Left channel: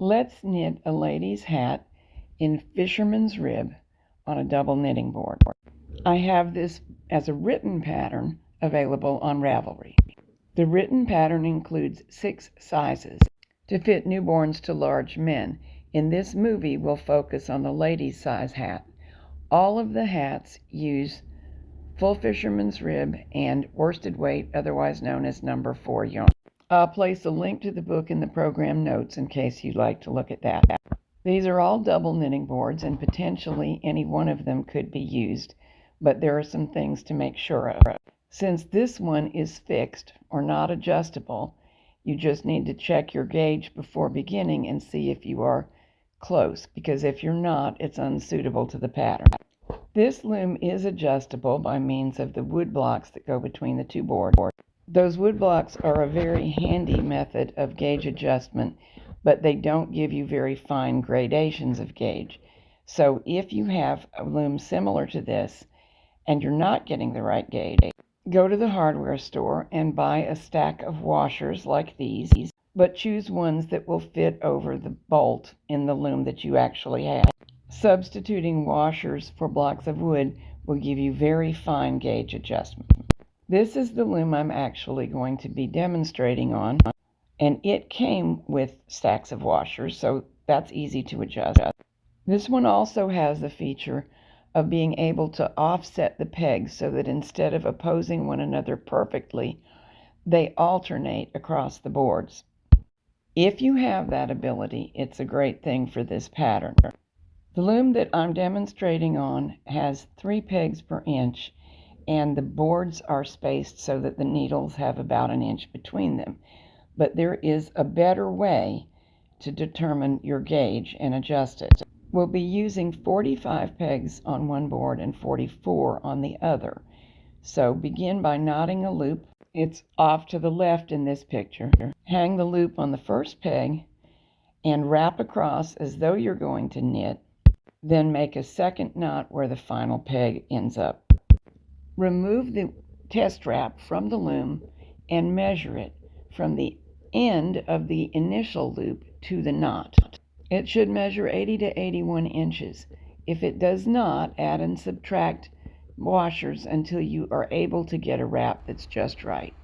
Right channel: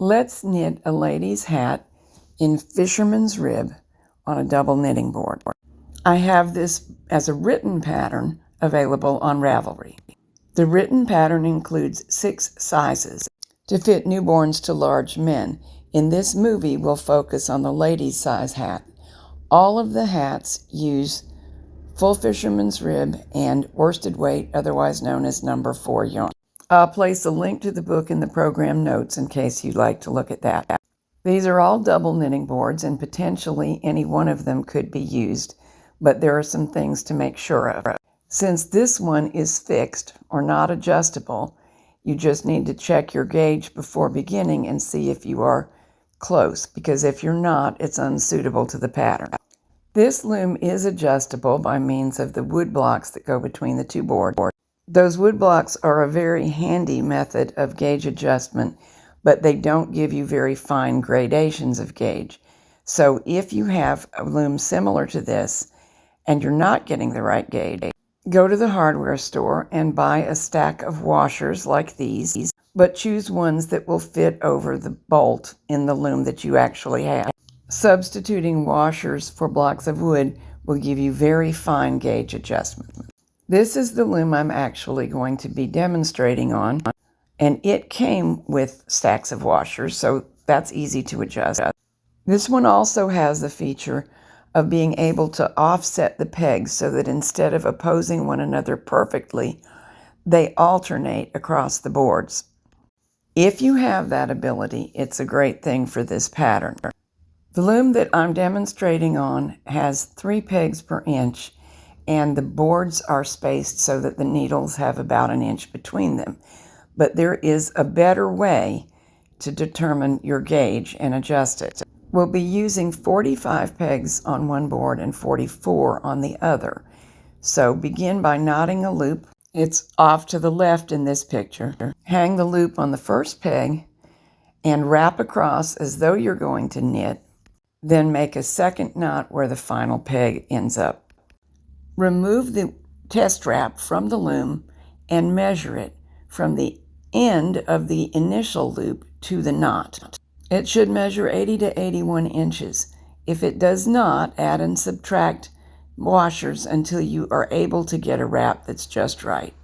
Let's knit a lady's hat in Fisherman's rib on a double knitting board. I have this as a written pattern available on Ravelry. The written pattern includes 6 sizes to fit newborns to large men. In this movie, we'll focus on the ladies' size hat. All of the hats use full fisherman's rib and worsted weight, otherwise known as number 4 yarn. I'll place a link to the book in the program notes in case you'd like to look at that. These are all double knitting boards, and potentially any one of them could be used, but there are some things to make sure of. Since this one is fixed or not adjustable, you just need to check your gauge before beginning and see if you are close, because if you're not, it's unsuitable to the pattern. This loom is adjustable by means of the wood blocks that go between the two boards. Those wood blocks are a very handy method of gauge adjustment, but they don't give you very fine gradations of gauge. So if you have a loom similar to this and you're not getting the right gauge, go to the hardware store and buy a stack of washers like these, but choose ones that will fit over the bolt in the loom that you actually have. Substituting washers for blocks of wood will give you very fine gauge adjustment. This is the loom I'm actually going to be demonstrating on, and it came with stacks of washers, so that's easy to adjust. This one also has the feature of being able to offset the pegs so that instead of opposing one another perfectly, they alternate across the boards. If you have that ability, it's a great thing for this pattern. The loom that I'm demonstrating on has 3 pegs per inch, and the boards are spaced so that the needles have about an inch between them. But there is a better way to determine your gauge and adjust it. We'll be using 45 pegs on one board and 44 on the other. So begin by knotting a loop. It's off to the left in this picture. Hang the loop on the first peg and wrap across as though you're going to knit. Then make a second knot where the final peg ends up. Remove the test wrap from the loom and measure it from the end of the initial loop to the knot. It should measure 80 to 81 inches. If it does not, add and subtract washers until you are able to get a wrap that's just right.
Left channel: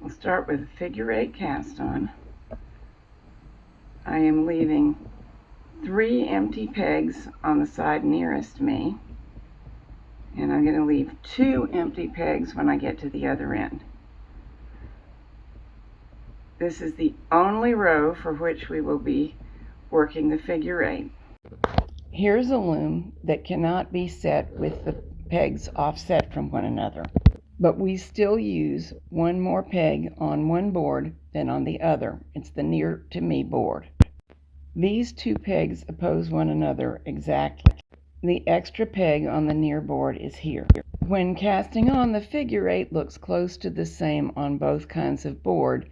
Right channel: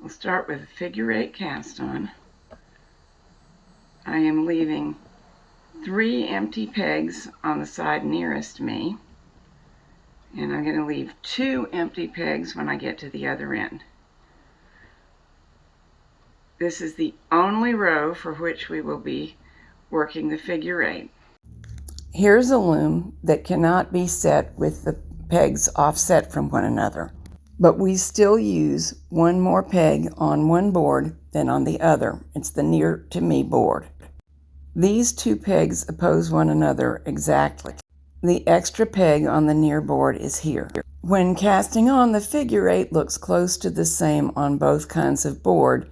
We'll start with a figure 8 cast on. I am leaving 3 empty pegs on the side nearest me, and I'm going to leave 2 empty pegs when I get to the other end. This is the only row for which we will be working the figure 8. Here's a loom that cannot be set with the pegs offset from one another, but we still use one more peg on one board than on the other. It's the near to me board. These 2 pegs oppose one another exactly. The extra peg on the near board is here. When casting on, the figure 8 looks close to the same on both kinds of board,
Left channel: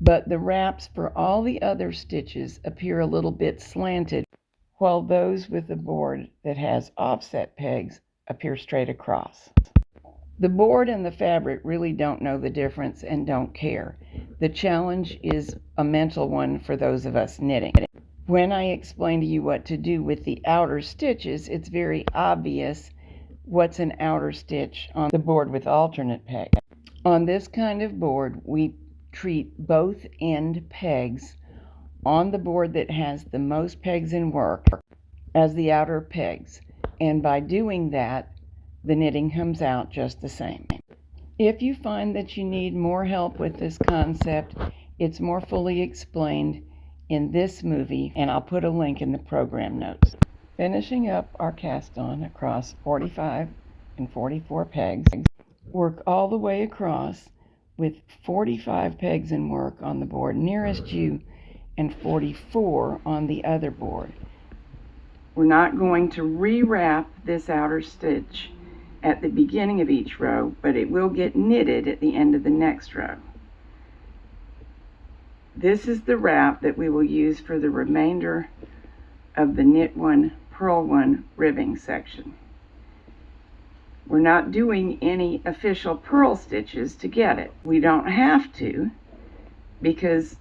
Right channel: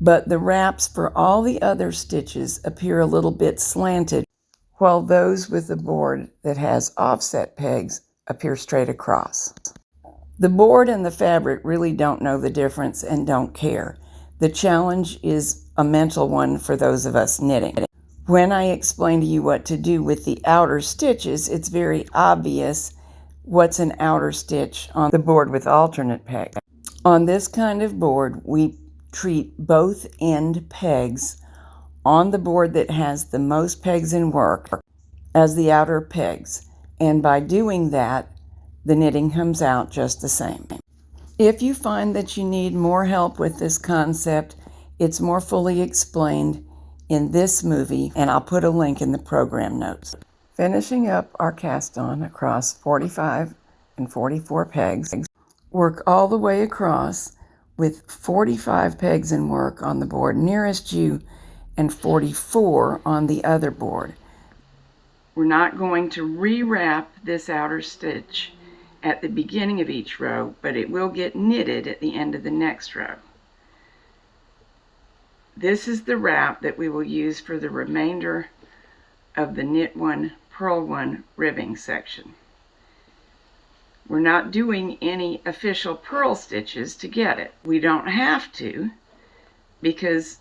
but the wraps for all the other stitches appear a little bit slanted, while those with the board that has offset pegs appear straight across. The board and the fabric really don't know the difference and don't care. The challenge is a mental one for those of us knitting. When I explain to you what to do with the outer stitches, it's very obvious what's an outer stitch on the board with alternate pegs. On this kind of board, we treat both end pegs on the board that has the most pegs in work as the outer pegs, and by doing that, the knitting comes out just the same. If you find that you need more help with this concept, it's more fully explained in this movie, and I'll put a link in the program notes. Finishing up our cast on across 45 and 44 pegs, work all the way across with 45 pegs in work on the board nearest you and 44 on the other board. We're not going to rewrap this outer stitch at the beginning of each row, but it will get knitted at the end of the next row. This is the wrap that we will use for the remainder of the knit one, purl one ribbing section. We're not doing any official purl stitches to get it. We don't have to, because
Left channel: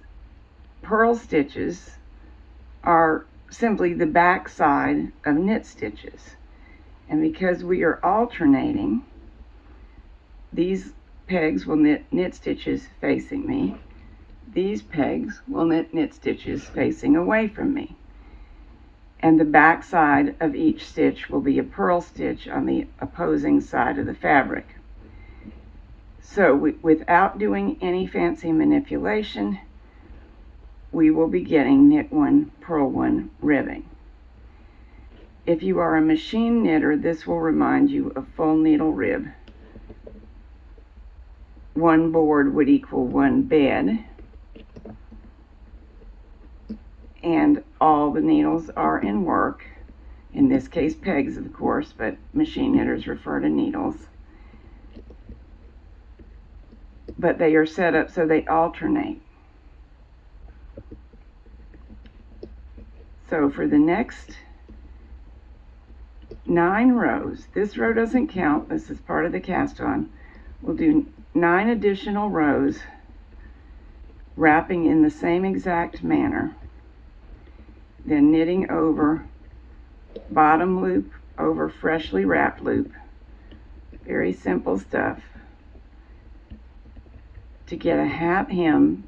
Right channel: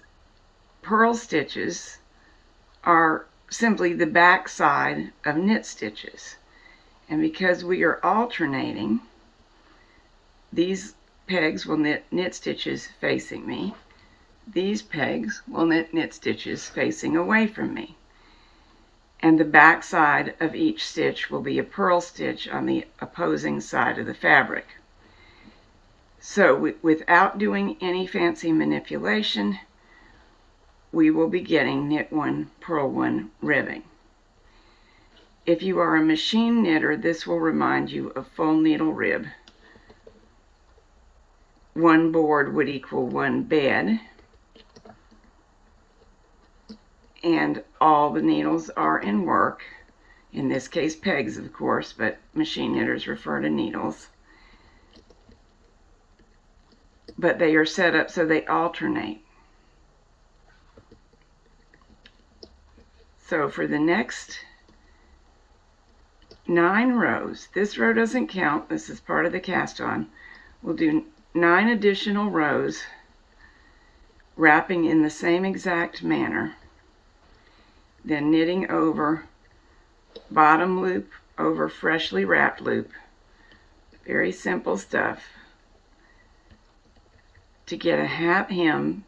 purl stitches are simply the back side of knit stitches. And because we are alternating, these pegs will knit stitches facing me. These pegs will knit stitches facing away from me. And the back side of each stitch will be a purl stitch on the opposing side of the fabric. So without doing any fancy manipulation, we will be getting knit one, purl one ribbing. If you are a machine knitter, this will remind you of full needle rib. One board would equal one bed, and all the needles are in work. In this case, pegs, of course, but machine knitters refer to needles. But they are set up so they alternate. So for the next 9 rows, this row doesn't count, this is part of the cast on, we'll do 9 additional rows, wrapping in the same exact manner, then knitting over bottom loop over freshly wrapped loop. Very simple stuff to get a hat hem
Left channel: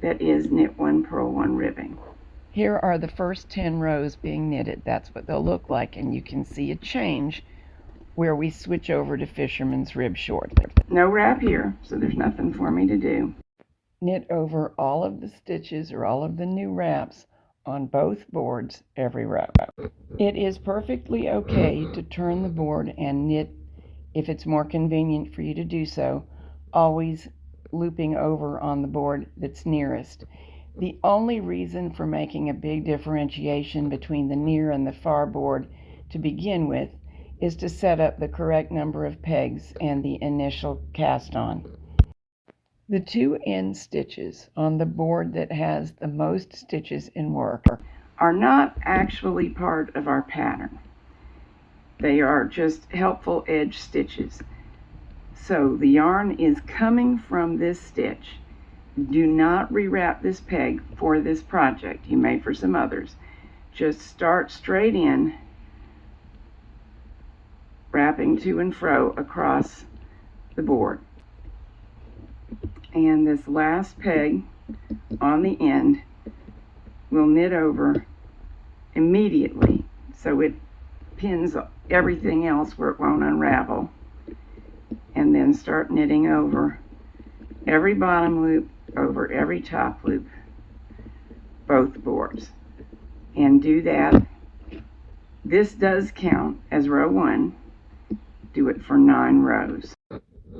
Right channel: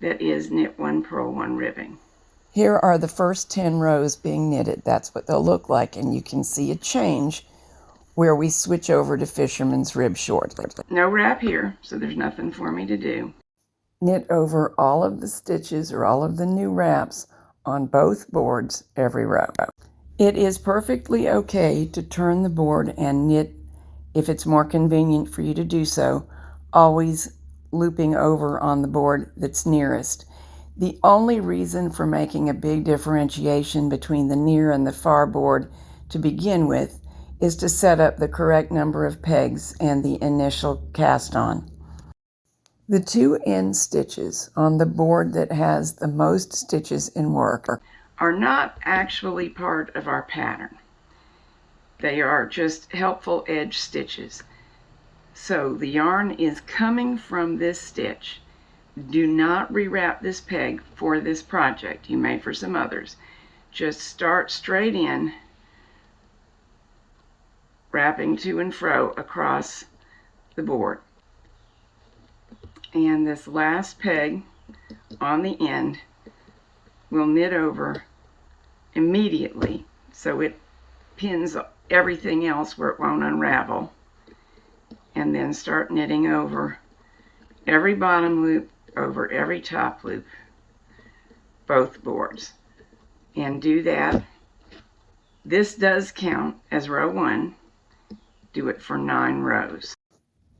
that is knit one, purl one ribbing. Here are the first 10 rows being knitted. That's what they'll look like, and you can see a change where we switch over to Fisherman's rib shortly. No wrap here, so there's nothing for me to do. Knit over all of the stitches or all of the new wraps on both boards every row. It is perfectly okay to turn the board and knit if it's more convenient for you to do so, always looping over on the board that's nearest. The only reason for making a big differentiation between the near and the far board to begin with is to set up the correct number of pegs and the initial cast on. The 2 end stitches on the board that has the most stitches in work are not actually part of our pattern. They are just helpful edge stitches. So the yarn is coming from this stitch. Do not rewrap this peg for this project. You may for some others. Just start straight in, wrapping to and fro across the board. And this last peg on the end will knit over immediately, so it pins everything else where it won't unravel. And then start knitting over every bottom loop, over every top loop, both boards. And do that. This does count as row 1. Do it for 9 rows.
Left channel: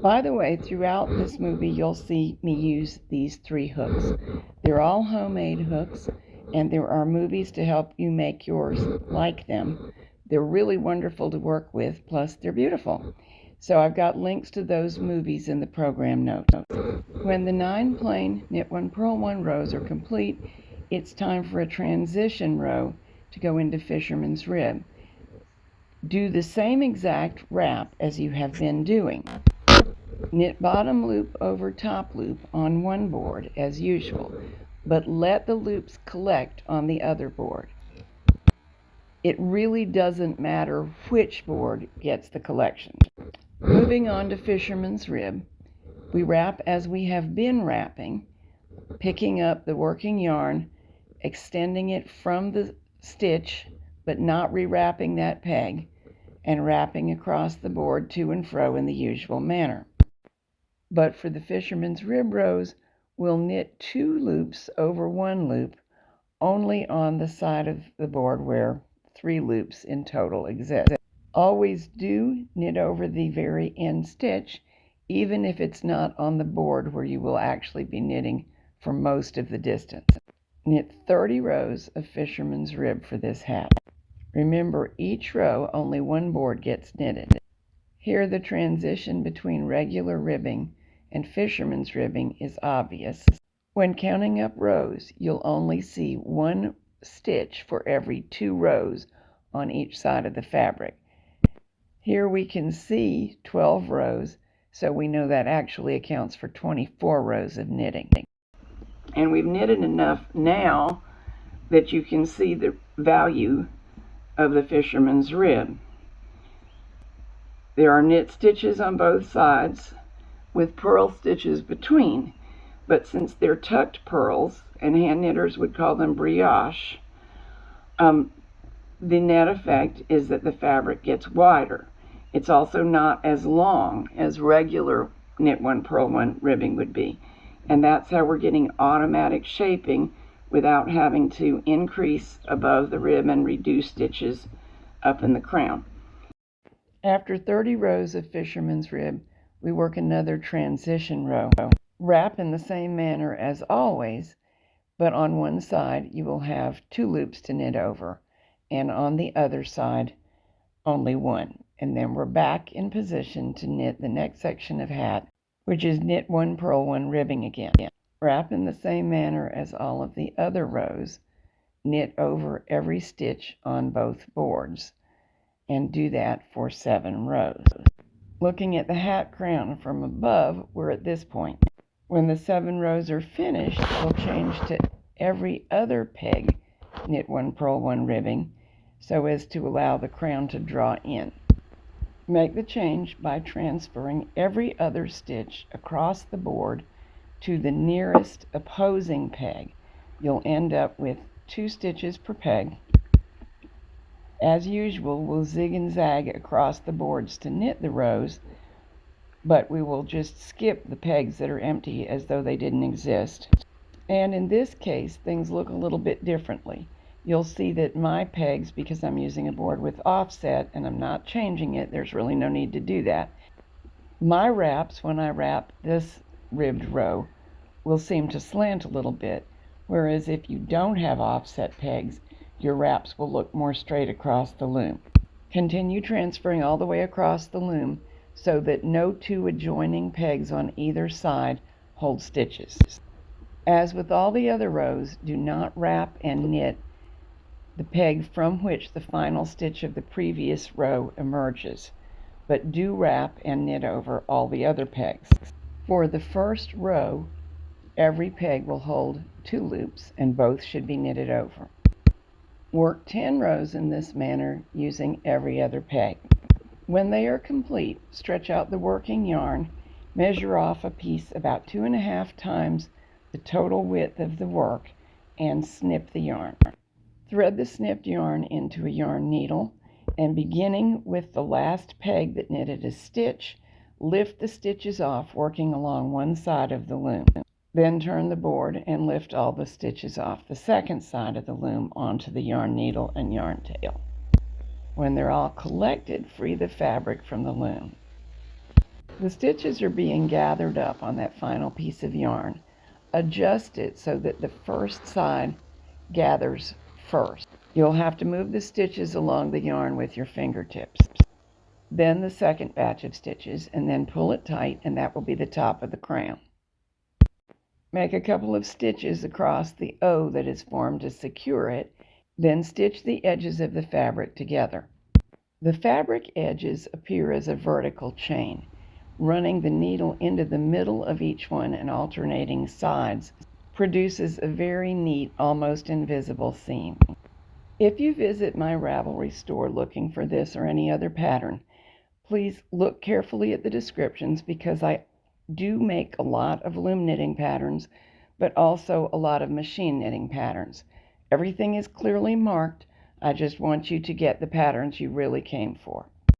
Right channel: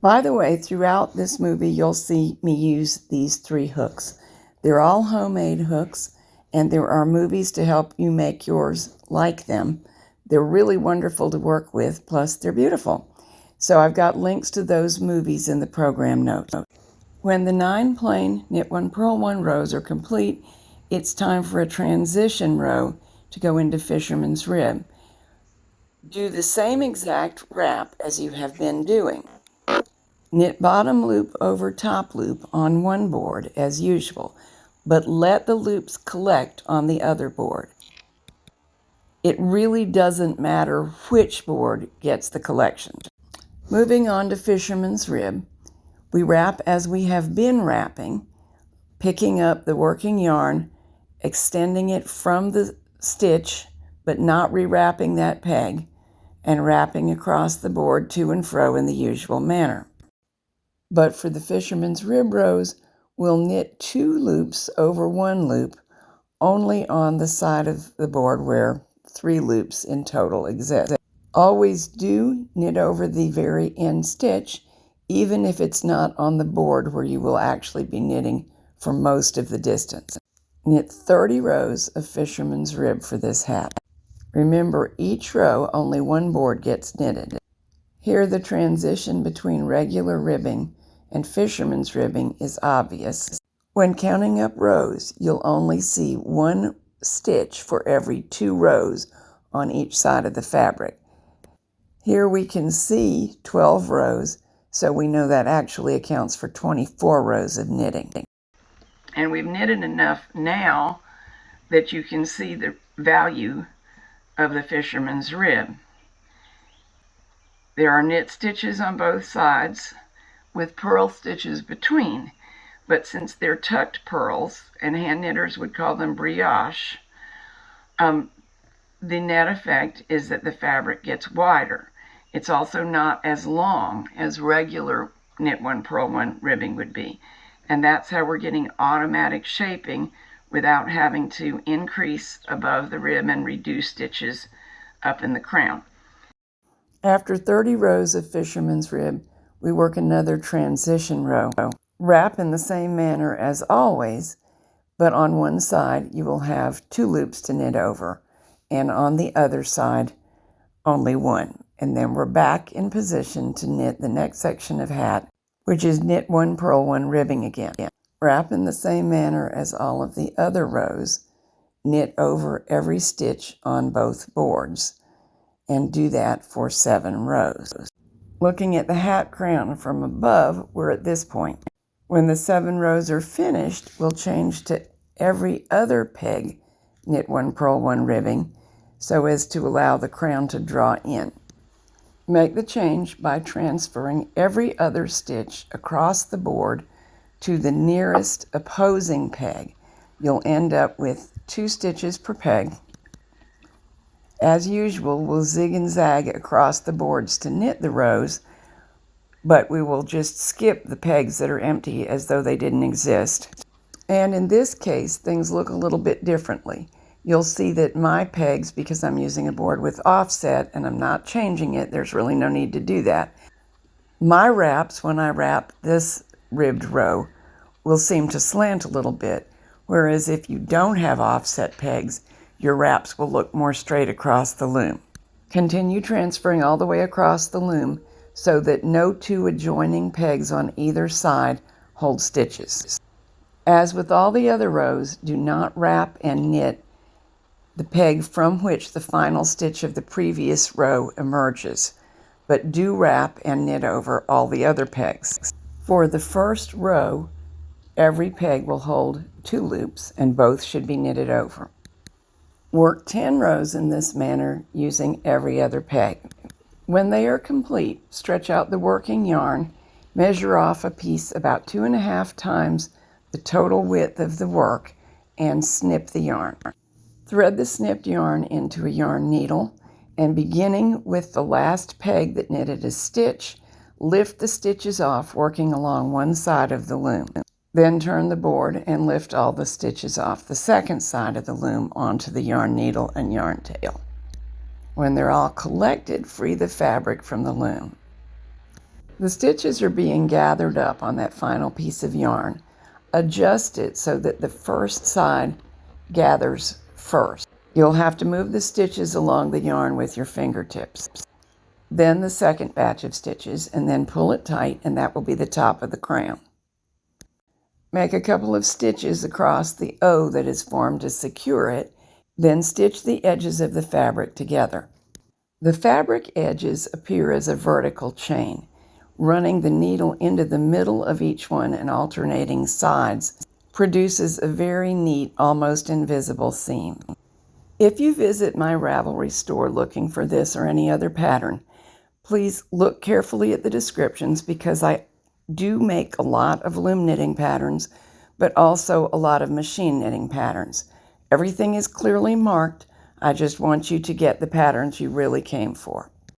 By the way, throughout this movie, you'll see me use these 3 hooks. They're all homemade hooks, and there are movies to help you make yours like them. They're really wonderful to work with, plus they're beautiful. So I've got links to those movies in the program notes. When the 9 plain knit one, purl one rows are complete, it's time for a transition row to go into Fisherman's rib. Do the same exact wrap as you have been doing. Knit bottom loop over top loop on one board as usual, but let the loops collect on the other board. It really doesn't matter which board gets the collection. Moving on to Fisherman's rib, we wrap as we have been wrapping, picking up the working yarn, extending it from the stitch, but not rewrapping that peg, and wrapping across the board to and fro in the usual manner. But for the Fisherman's rib rows, we'll knit 2 loops over 1 loop, only on the side of the board where 3 loops in total exist. Always do knit over the very end stitch, even if it's not on the board where you will actually be knitting for most of the distance. Knit 30 rows of Fisherman's rib for this hat. Remember, each row only 1 board gets knitted. Here the transition between regular ribbing and Fisherman's ribbing is obvious. When counting up rows, you'll only see 1 stitch for every 2 rows on each side of the fabric. Here we can see 12 rows, so we know that actually accounts for 24 rows of knitting. And we've knitted enough now that you can see the value of the fisherman's rib. There are knit stitches on both sides with purl stitches between, but since they're tucked purls, and hand knitters would call them brioche, the net effect is that the fabric gets wider. It's also not as long as regular knit one purl one ribbing would be, and that's how we're getting automatic shaping without having to increase above the rib and reduce stitches up in the crown. After 30 rows of fisherman's rib, we work another transition row. Wrap in the same manner as always, but on one side you will have 2 loops to knit over, and on the other side only 1. And then we're back in position to knit the next section of hat, which is knit 1 purl 1 ribbing again. Wrap in the same manner as all of the other rows, knit over every stitch on both boards, and do that for 7 rows. Looking at the hat crown from above, we're at this point. When the 7 rows are finished, we'll change to every other peg knit 1 purl 1 ribbing so as to allow the crown to draw in. Make the change by transferring every other stitch across the board to the nearest opposing peg. You'll end up with 2 stitches per peg. As usual, we'll zig and zag across the boards to knit the rows, but we will just skip the pegs that are empty as though they didn't exist. And in this case, things look a little bit differently. You'll see that my pegs, because I'm using a board with offset and I'm not changing it, there's really no need to do that. My wraps, when I wrap this ribbed row, will seem to slant a little bit, whereas if you don't have offset pegs, your wraps will look more straight across the loom. Continue transferring all the way across the loom so that no 2 adjoining pegs on either side hold stitches. As with all the other rows, do not wrap and knit the peg from which the final stitch of the previous row emerges, but do wrap and knit over all the other pegs. For the first row, every peg will hold 2 loops and both should be knitted over. Work 10 rows in this manner using every other peg. When they are complete, stretch out the working yarn, measure off a piece about 2.5 times the total width of the work, and snip the yarn. Thread the snipped yarn into a yarn needle, and beginning with the last peg that knitted a stitch, lift the stitches off working along one side of the loom. Then turn the board and lift all the stitches off the second side of the loom onto the yarn needle and yarn tail. When they're all collected, free the fabric from the loom. The stitches are being gathered up on that final piece of yarn. Adjust it so that the first side gathers first. You'll have to move the stitches along the yarn with your fingertips. Then the second batch of stitches, and then pull it tight, and that will be the top of the crown. Make a couple of stitches across the O that is formed to secure it, then stitch the edges of the fabric together. The fabric edges appear as a vertical chain. Running the needle into the middle of each one and alternating sides produces a very neat, almost invisible seam. If you visit my Ravelry store looking for this or any other pattern, please look carefully at the descriptions because I do make a lot of loom knitting patterns, but also a lot of machine knitting patterns. Everything is clearly marked. I just want you to get the patterns you really came for.